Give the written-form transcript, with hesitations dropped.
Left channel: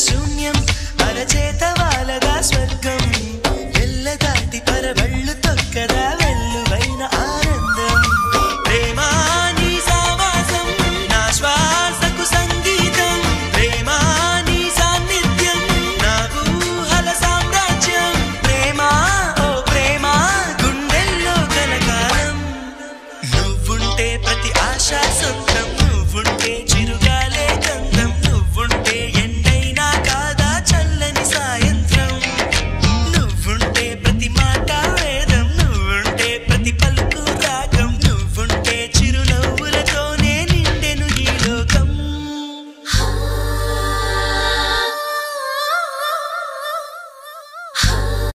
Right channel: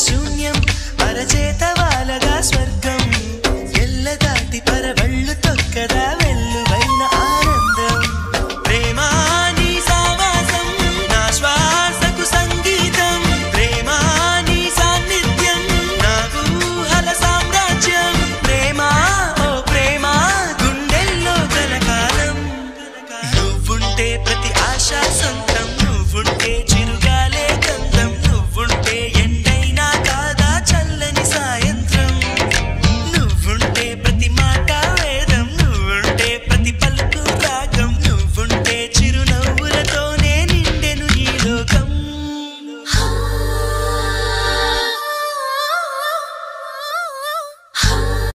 శూన్యం అరచేత వాలగా స్వర్గం ఎల్లదాటి పరవళ్ళు తొక్కదా వెల్లువైన ఆనందం ప్రేమా నీ సావాసం నా శ్వాసకు సంగీతం ప్రేమా నీ సాన్నిధ్యం నా ఊహల సామ్రాజ్యం ప్రేమా ఓ ప్రేమా గుండెల్లో కలకాలం నువ్వుంటే ప్రతి ఆశ సొంతం నువ్వుంటే చిరుగా